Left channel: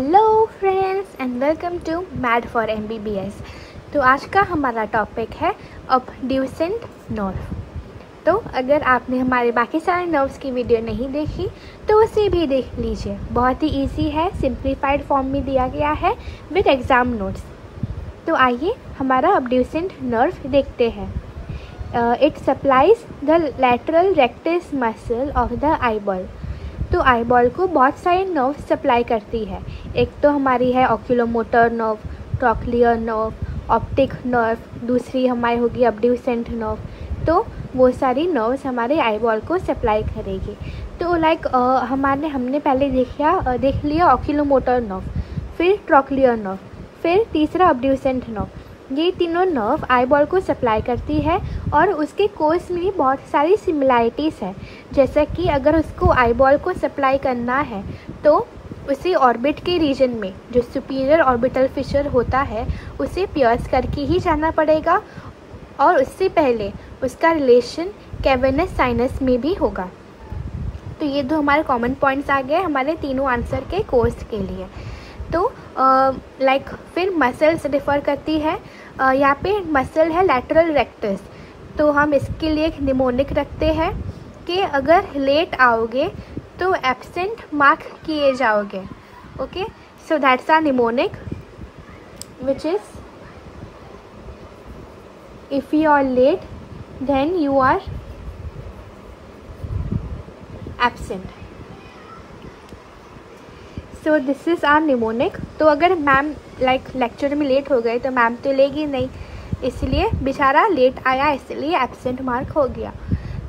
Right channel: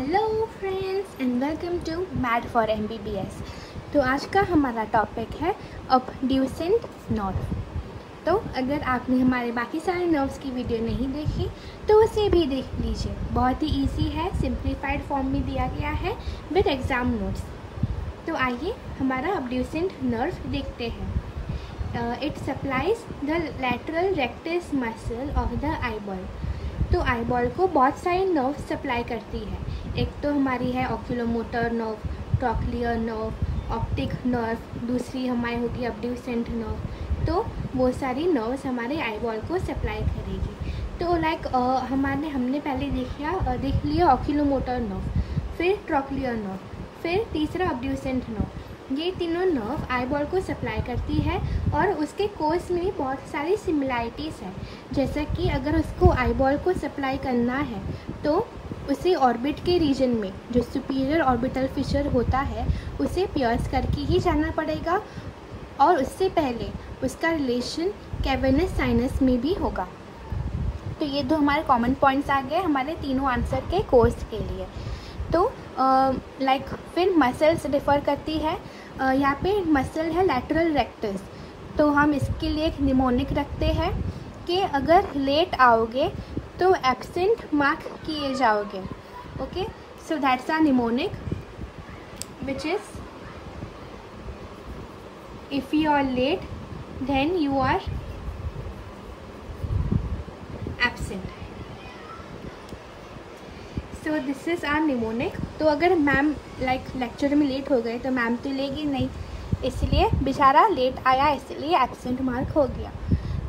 Hello friends and welcome to Mad for MBBS। तो आज का हमारा टॉपिक है अबड्यूसेंट नर्व। तो अगर आपने हमारे बाकी सारे नर्व्स की वीडियो नहीं देखी तो उसे भी देख लीजिए। बहुत ही इजी है, सिंप्लीफाइड फॉर्म में दिया गया है विद एग्जाम नोट्स। तो आइए हमारा अबड्यूसेंट नर्व देखते हैं। It supplies the lateral rectus muscle of the eyeball. तो आईबॉल को बहुत सारे नर्व सप्लाई करती है। एक तो हमारी है oculomotor nerve, trochlear nerve, optic nerve, दूसरी हमारी होगी अबड्यूसेंट नर्व। तो वो सारी नर्व्स हमारे आईबॉल को सप्लाई करेगी। तो हमने पहले देख लिया ऑक्यूलोमोटर नर्व, फिर ट्रॉक्लियर नर्व, फिर तीसरा अबड्यूसेंट नर्व। ये तीनों नर्व आईबॉल को सप्लाई करती है और उसके कोर्स में बहुत सारी सिमिलैरिटीज़ हैं। जैसा कि अगर उसको आईबॉल को सप्लाई करना है तो उसे ऑर्बिट के रीजन में जो सुपीरियर ऑर्बिटल फिशर होता है उसे पियर्स करके ही जाना पड़ेगा, और उससे पहले उसका रिलेशन कैवर्नस साइनस में भी होगा। तो ये दो हमारे कॉमन पॉइंट्स आ गए हमारे तीनों आंसर के कोर्स के लिए। तो फिर मसल्स डिफर करती है। यहाँ पे मसल है लैटरल रेक्टस। तो हम इसके लिए एक निमोनिक रखते हैं कि अगर लेट आओगे तो एब्सेंट मार्क किए जाओगे। Okay, so that's our mnemonic which is if you are late then you are absent. So this is our mnemonic. तो अगर मैम लेक्चर में लेट हो गए तो मैम तो लेगी नहीं, इसलिए बेचारा लेट आया इसलिए एब्सेंट मार्क हो गया।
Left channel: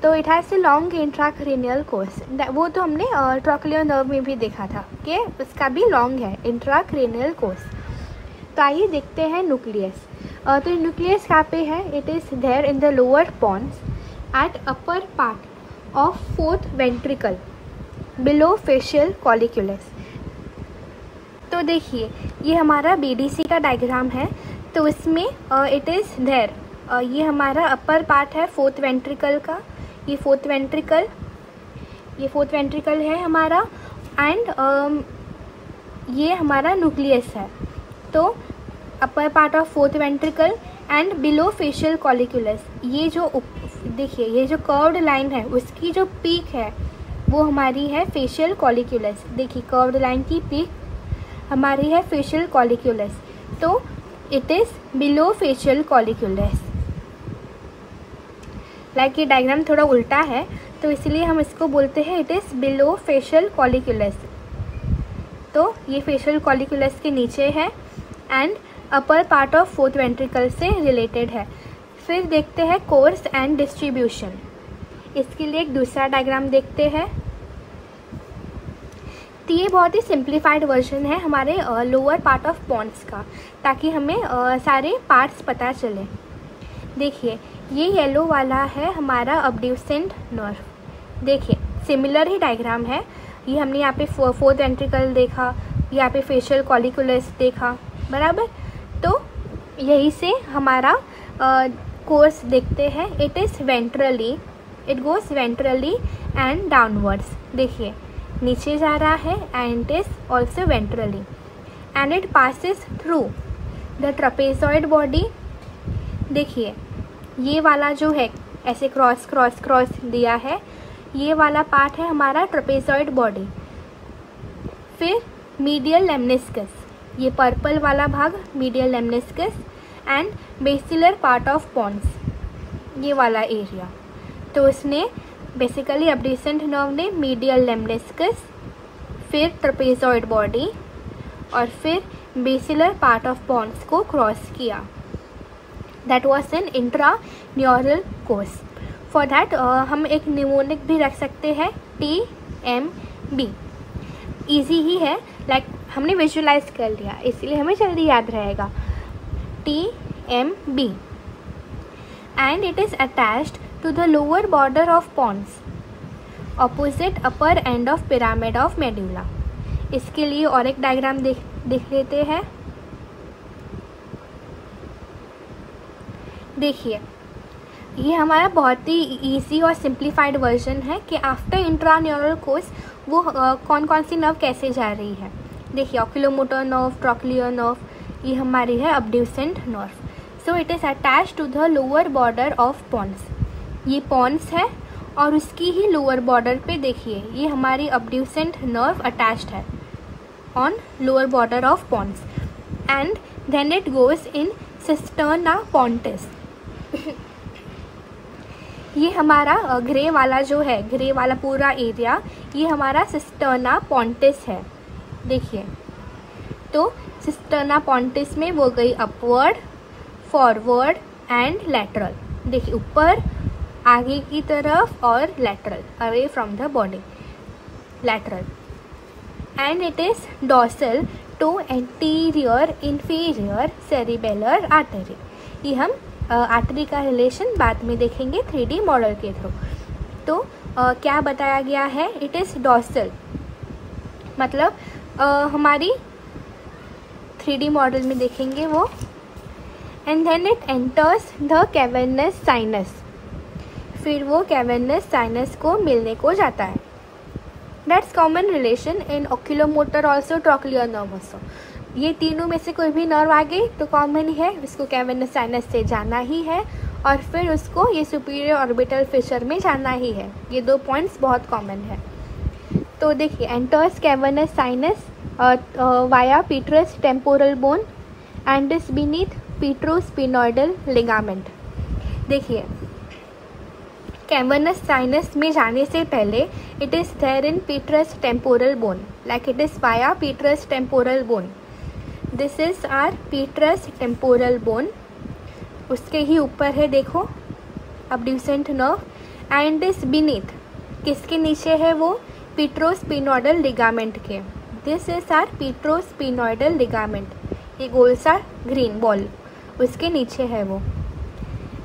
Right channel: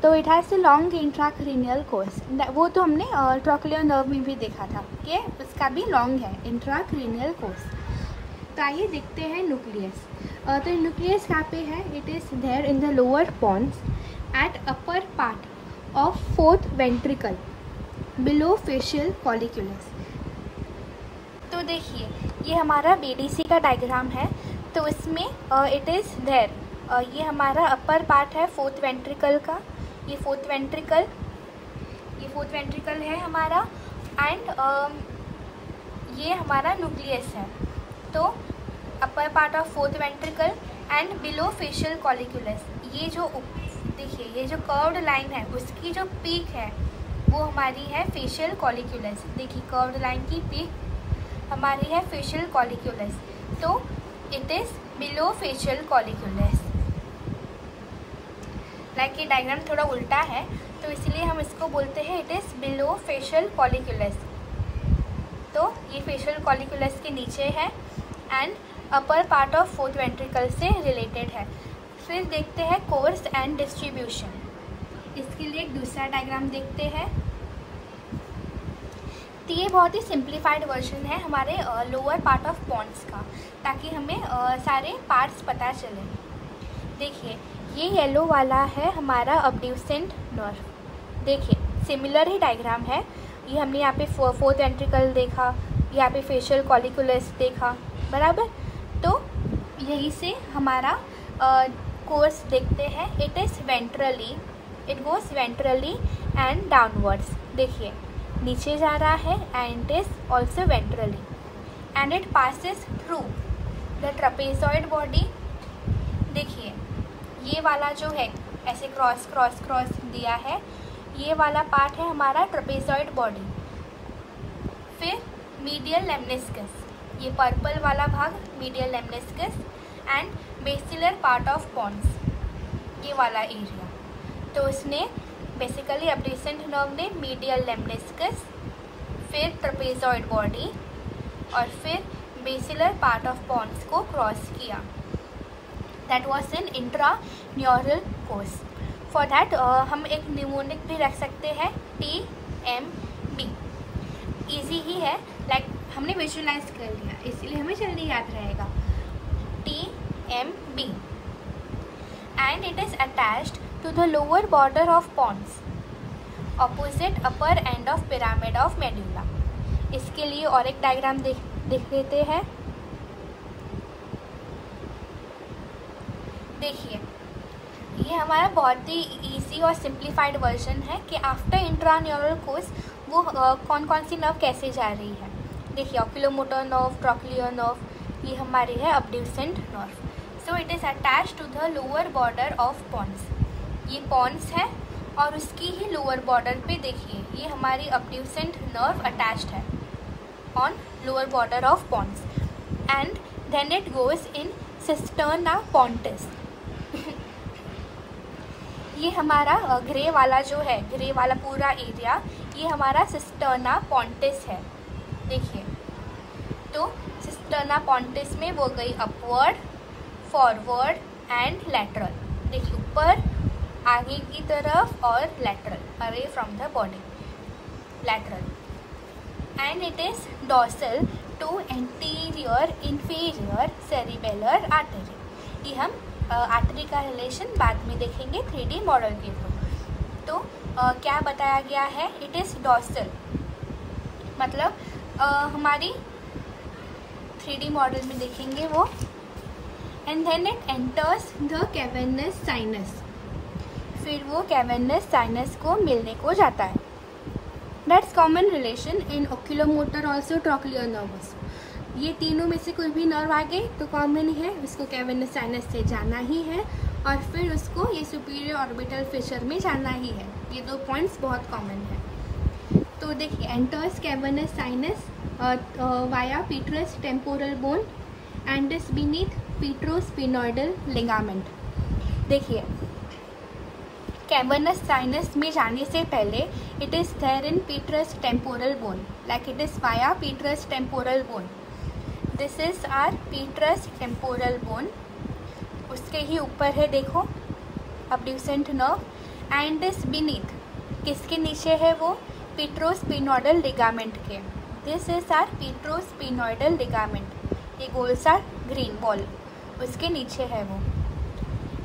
तो it has a long intracranial course. वो तो हमने ट्रॉक्लियर नर्व में भी देखा था कि उसका भी लॉन्ग है इंट्राक्रेनियल कोर्स। तो आइए देखते हैं न्यूक्लियस। तो न्यूक्लियस कहाँ पे है? It is there in the lower pons at upper part of fourth ventricle below facial colliculus. तो देखिए ये हमारा BDC का डायग्राम है। तो इसमें इट इज़ देयर, ये हमारा अपर पार्ट है फोर्थ वेंट्रिकल का। ये फोर्थ वेंट्रिकल है हमारा, एंड ये हमारा न्यूक्लियस है। तो upper part of fourth ventricle and below facial colliculus. ये जो देखिए ये जो कर्व्ड लाइन है उसकी जो पीक है वो हमारी है फेशियल कॉलिक्यूलस। देखिए कर्व्ड लाइन की पीक हमारी है फेशियल कॉलिक्यूलस। तो it is below facial colliculus. ये डायग्राम थोड़ा उल्टा है तो इसलिए हम इसको बोलते हैं it is below facial colliculus. तो ये फेशियल कॉलिक्यूलस के नीचे है and upper part of fourth ventricle से रिलेटेड है। फिर देखते हैं कोर्स एंड डिस्ट्रीब्यूशन। इसके लिए एक दूसरा डायग्राम देखते हैं। तो ये बहुत ही सिंप्लीफाइड वर्जन है हमारे लोअर पार्ट ऑफ पॉन्ड्स का, ताकि हमें सारे पार्ट्स पता चले। देखिए ये येलो वाला है हमारा अबड्यूसेंट नर्व। देखिए सिमिलर ही डायग्राम है। ये हमने यहाँ पे फोर्थ वेंट्रिकल देखा, यहाँ पे फेशियल कॉलिक्यूलस देखा, बराबर। तो यही से हमारा कोर्स देखते हैं। It is ventrally, it goes ventrally and downwards. देखिए नीचे जा रहा है and is also ventrally and it passes through the trapezoid body. देखिए ये वाला जो है ऐसे क्रॉस क्रॉस क्रॉस दिया है, ये वाला पार्ट है हमारा ट्रपेजॉइड बॉडी। फिर मीडियल लेमनिस्कस, ये पर्पल वाला भाग medial lemniscus and basilar part of pons, ये वाला एरिया। तो उसने बेसिकली अबड्यूसेंट नर्व ने मीडियल लेमनिस्कस, फिर ट्रपेजॉइड बॉडी और फिर बेसिलर पार्ट ऑफ पॉन्स को क्रॉस किया। That was an intraneural course. For that हम एक निमोनिक भी रख सकते हैं TMB। इजी ही है, हमने विजुअलाइज कर लिया इसलिए हमें जल्दी याद रहेगा। TMB and it is attached to the lower border of pons opposite upper end of pyramid of medulla। इसके लिए और एक डायग्राम देख लेते हैं। देखिए ये हमारा बहुत ही इजी और सिंप्लीफाइड वर्जन है कि आफ्टर इंट्रान्यूरल कोर्स वो कौन कौन सी नर्व कैसे जा रही है। देखिए oculomotor nerve, trochlear nerve, ये हमारी है abducent nerve. So it is attached to the lower border of pons. ये pons है और उसकी ही lower border पे देखिए ये हमारी abducent nerve attached है on lower border of pons, and then it goes in cisterna pontis. ये हमारा ग्रे वाला जो है, ग्रे वाला पूरा एरिया, ये हमारा सिस्टर्ना पॉन्टिस है. देखिए तो सिस्टर्ना पॉन्टिस में वो गई अपवर्ड, फॉरवर्ड एंड लेटरल. देखिए ऊपर, आगे की तरफ और lateral, away from the body, lateral. And it is dorsal to anterior inferior cerebellar artery. ये हम आर्टरी का रिलेशन बाद में देखेंगे 3D मॉडल के थ्रू. तो क्या बताया गया है, इट इज डॉर्सल, मतलब हमारी 3D मॉडल में देखेंगे वो. And then it enters the cavernous sinus, फिर वो कैवर्नस साइनस को मिलने को जाता है. That's common relation in oculomotor also, trochlear nerve also. ये तीनों में से कोई भी नर्व आ गई तो कॉमन ही है, उसको कैवर्नस साइनस से जाना ही है और फिर उसको ये सुपीरियर ऑर्बिटल फिशर में जाना ही है. ये 2 पॉइंट्स बहुत कॉमन है. तो देखिए enters cavernous sinus via petrous temporal bone and is beneath petrosphenoidal ligament. देखिए कैवर्नस साइनस में जाने से पहले it is there in petrous temporal bone, like it is via petrous temporal bone. This is our petrous temporal bone. उसके ही ऊपर है देखो abducent nerve, and is beneath, किसके नीचे है वो, पीट्रोस्पिनॉइडल लिगामेंट के. This is our petrosphenoidal ligament, ये गोल सा ग्रीन बॉल उसके नीचे है वो.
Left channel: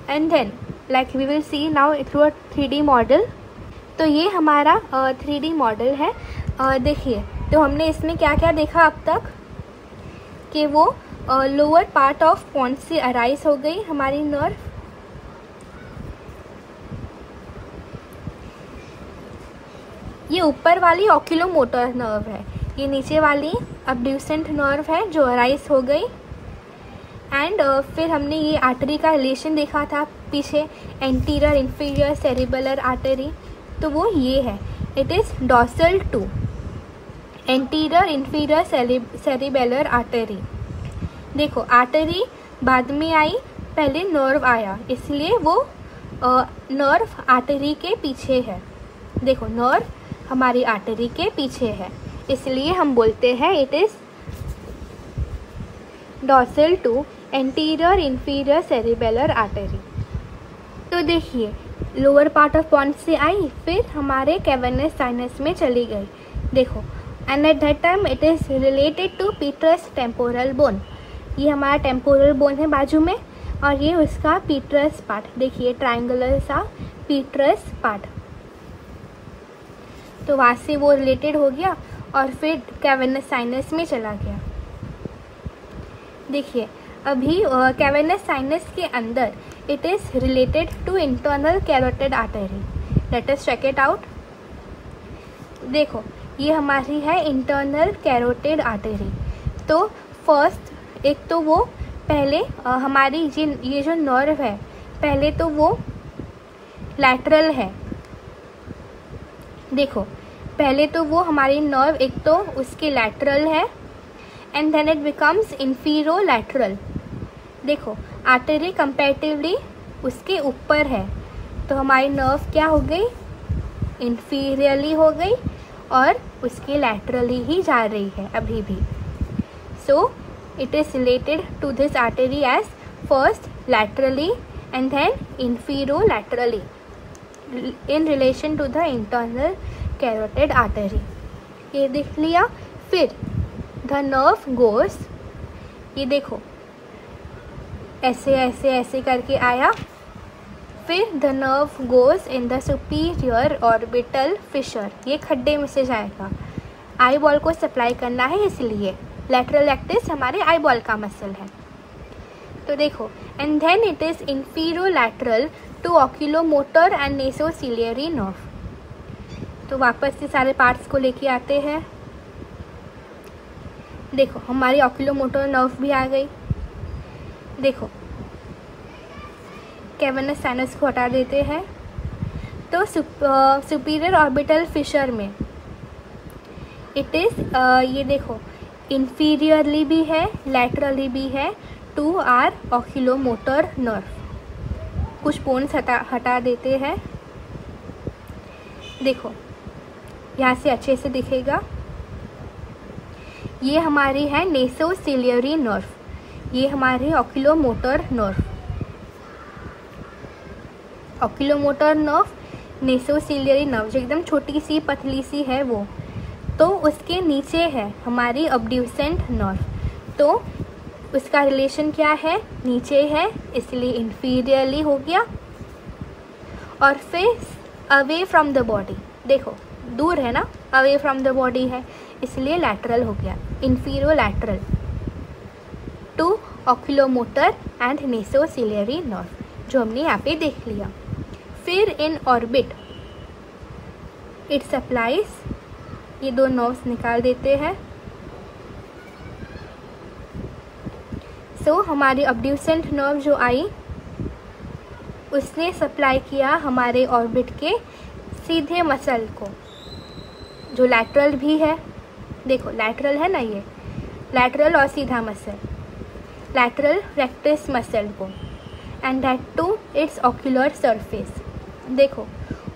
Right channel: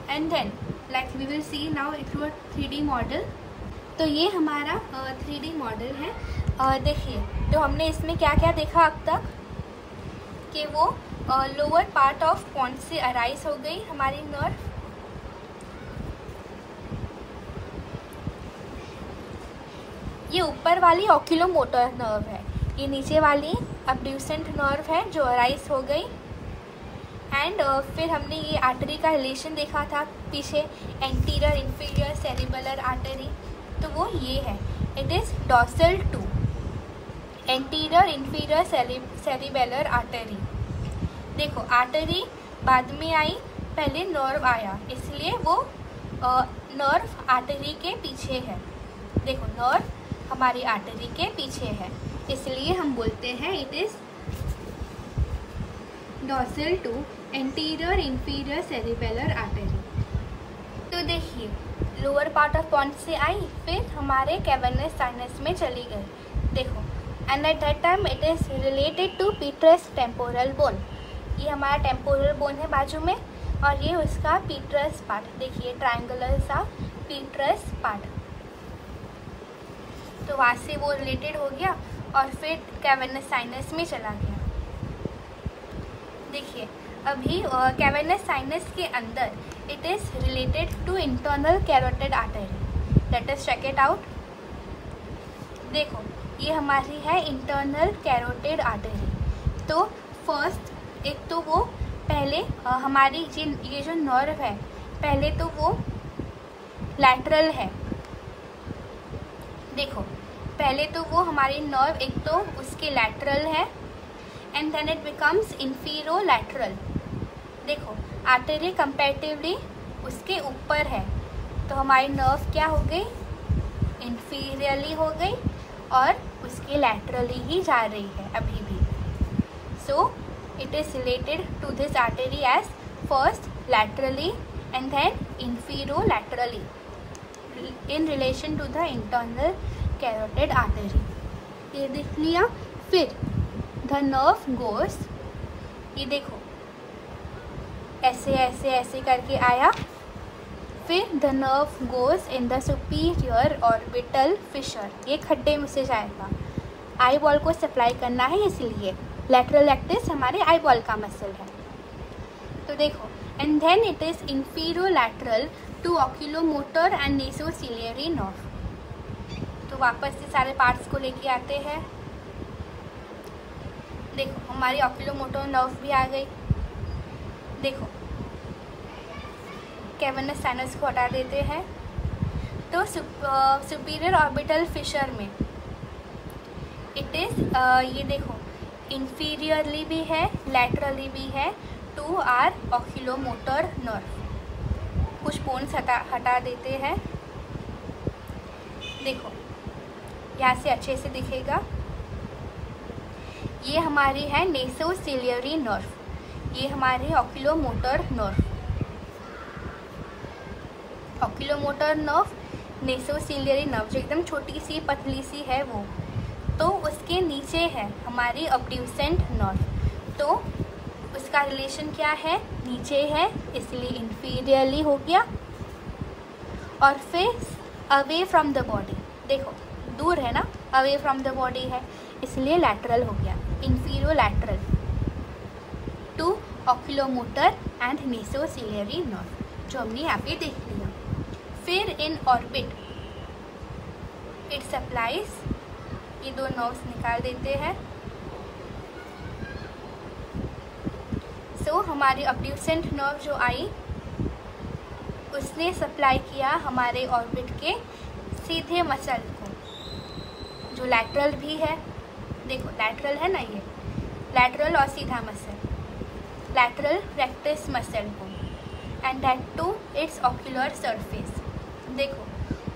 And then like we will see now through a 3D model. तो ये हमारा 3D मॉडल है. देखिए तो हमने इसमें क्या क्या देखा अब तक, कि वो लोअर पार्ट ऑफ पॉन्स से अराइज हो गई हमारी नर्व. ये ऊपर वाली oculomotor नर्व है, ये नीचे वाली abducent नर्व है जो अराइज हो गई. एंड फिर हमने ये आर्टरी का रिलेशन देखा था पीछे, एंटीरियर इंफीरियर सेरिबेलर आर्टरी. तो वो ये है, it is dorsal to anterior inferior cerebellar artery. देखो आर्टरी बाद में आई, पहले नर्व आया, इसलिए वो नर्व आर्टरी के पीछे है. देखो नर्व हमारी आर्टरी के पीछे है, इसलिए हम बोलते हैं it is dorsal to anterior inferior cerebellar artery. तो देखिए लोअर पार्ट ऑफ पॉन्स से आई, फिर हमारे कैवर्नस साइनस में चली गई. देखो and at that time it is related to petrous temporal bone. ये हमारा टेम्पोरल बोन है बाजू में, और ये उसका पीट्रस पार्ट, देखिए ट्रायंगुलर सा पीट्रस पार्ट. तो वहां से वो रिलेटेड हो गया और फिर कैवर्नस साइनस में चला गया. देखिए अभी कैवर्नस साइनस के अंदर it is related to internal carotid artery. Let us check it out. देखो ये हमारी है इंटरनल कैरोटिड आर्टरी. तो फर्स्ट एक तो वो पहले हमारी ये जो नर्व है, पहले तो वो लैटरल है. देखो पहले तो वो हमारी नर्व एक तो उसके लैटरल है, एंड देन इट बिकम्स इंफीरोलैटरल. देखो आर्टरी कंपैरेटिवली उसके ऊपर है, तो हमारी नर्व क्या हो गई, इंफीरियरली हो गई और उसके लैटरली ही जा रही है अभी भी. So it is related to this artery as first laterally and then inferolaterally in relation to the internal carotid artery. ये देख लिया. फिर द नर्व गोस, ये देखो ऐसे ऐसे ऐसे करके आया. फिर the nerve goes in the superior orbital Fisher, ये खड्डे में से जाएगा. आई बॉल को सप्लाई करना है, इसलिए लैटरल एक्सिस हमारे आई बॉल का मसल है. तो देखो and then it is inferolateral to oculomotor and nasociliary nerve. तो वापस से सारे पार्ट्स को लेके आते हैं. देखो हमारी ऑक्यूलोमोटर नर्व भी आ गई। देखो कैवर्नस साइनस को हटा देते हैं तो सुपीरियर ऑर्बिटल फिशर में इट इज ये देखो इंफीरियरली भी है, लैटरली भी है टू आर ऑक्यूलोमोटर नर्व। कुछ बोन्स हटा देते हैं। देखो यहाँ से अच्छे से दिखेगा, ये हमारी है नेसोसिलियरी नर्व, ये हमारी oculomotor nerve. Oculomotor nerve, nasociliary nerve जो एकदम छोटी सी पतली सी है वो, तो उसके नीचे है हमारी अब्ड्यूसेंट नर्व। तो उसका रिलेशन क्या है, नीचे है इसलिए इंफीरियरली हो गया, और फिर अवे फ्रॉम द बॉडी, देखो दूर है ना, अवे फ्रॉम द बॉडी है इसलिए लैटरल हो गया, inferolateral to oculomotor and nasociliary nerve जो हमने यहाँ पे देख लिया। फिर इन ऑर्बिट इट सप्लाइज, ये दो नर्व्स निकाल देते हैं। सो हमारी अब्ड्यूसेंट नर्व जो आई उसने सप्लाई किया हमारे ऑर्बिट के सीधे मसल को जो लैटरल भी है। देखो लैटरल है ना, ये लैटरल और सीधा मसल, लैटरल रेक्टस मसल को, and that to its ocular surface. देखो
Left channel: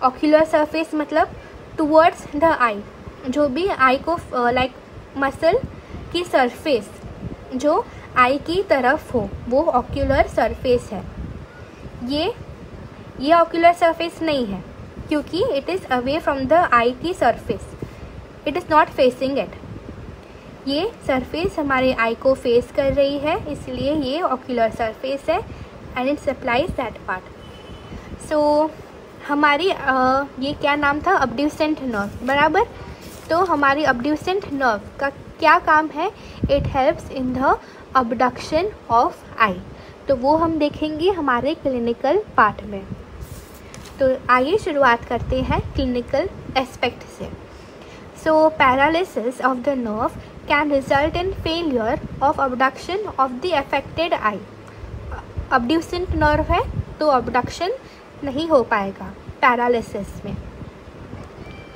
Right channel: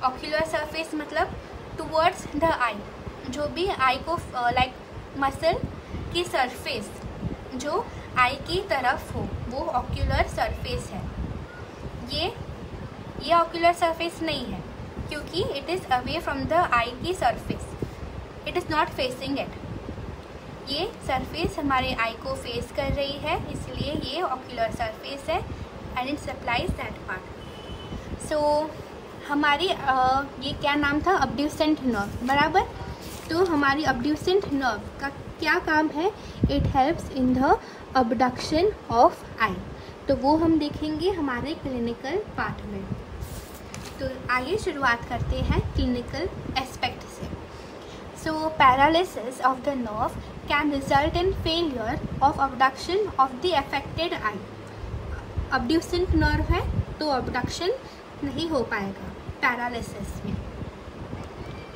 ऑक्यूलर सरफेस मतलब टुवर्ड्स द आई, जो भी आई को लाइक मसल की सरफेस जो आई की तरफ हो वो ऑक्यूलर सरफेस है। ये ऑक्यूलर सरफेस नहीं है क्योंकि it is away from the eye की surface, it is not facing it. ये सरफेस हमारे आई को फेस कर रही है इसलिए ये ऑक्यूलर सरफेस है and it supplies that part. So हमारी ये क्या नाम था, अब्ड्यूसेंट नर्व, बराबर। तो हमारी अब्ड्यूसेंट नर्व का क्या काम है, it helps in the abduction of eye. तो वो हम देखेंगे हमारे क्लिनिकल पार्ट में। तो आइए शुरुआत करते हैं क्लिनिकल एस्पेक्ट से। So paralysis of the nerve can result in failure of abduction of the affected eye. Abducent nerve है तो अबडक्शन नहीं हो पाएगा पैरालिसिस में।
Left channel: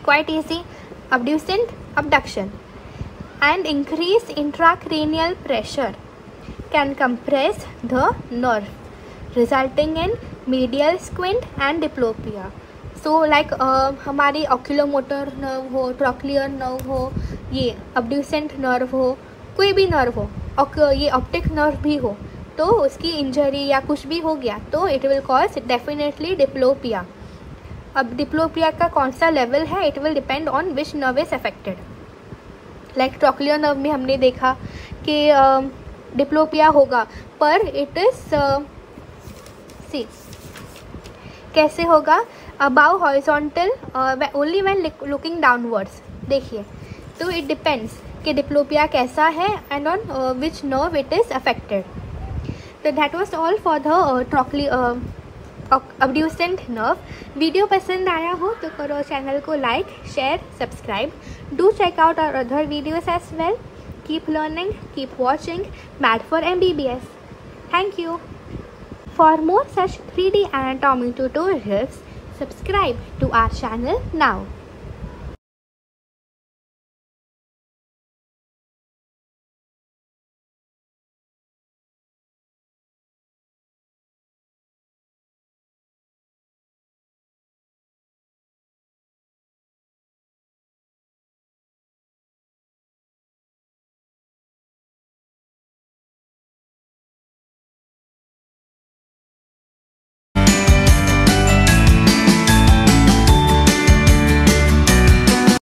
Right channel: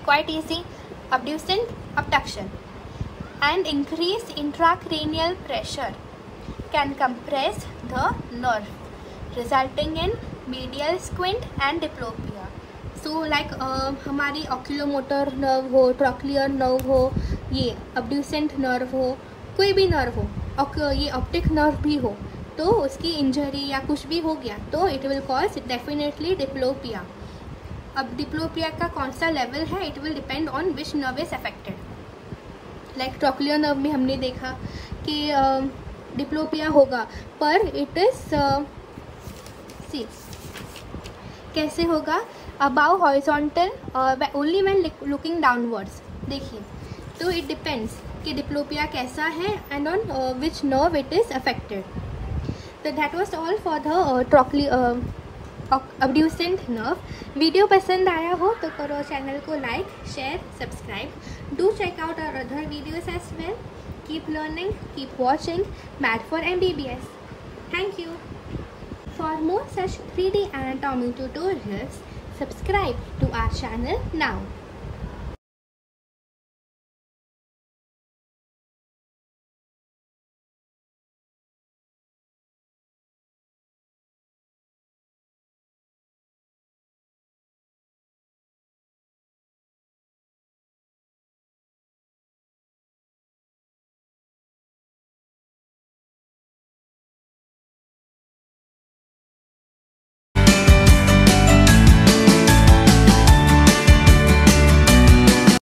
Quite easy, abducent abduction and increased intracranial pressure can compress the nerve resulting in medial squint and diplopia. So like हमारी oculomotor nerve हो, trochlear nerve हो, ये abducent नर्व हो, कोई भी नर्व हो, ये ऑप्टिक नर्व भी हो, तो उसकी इंजरी या कुछ भी हो गया तो it will cause definitely diplopia. अब डिप्लोपिया का कौन सा लेवल है, it will depend on which nerve is affected. Like trochlear nerve में हमने देखा कि डिप्लोपिया होगा, पर इट इज सी कैसे होगा, above horizontal only when looking downwards. देखिए तो इट डिपेंड्स कि डिप्लोपिया कैसा है and on which nerve it is affected. तो that was all for the abducent nerve. Video पसंद आया हो तो करो चैनल को like, share, subscribe. Do check out our other videos as well. Keep learning, keep watching mad for MBBS। Thank you. For more such 3D anatomy tutorials, subscribe to our channel now.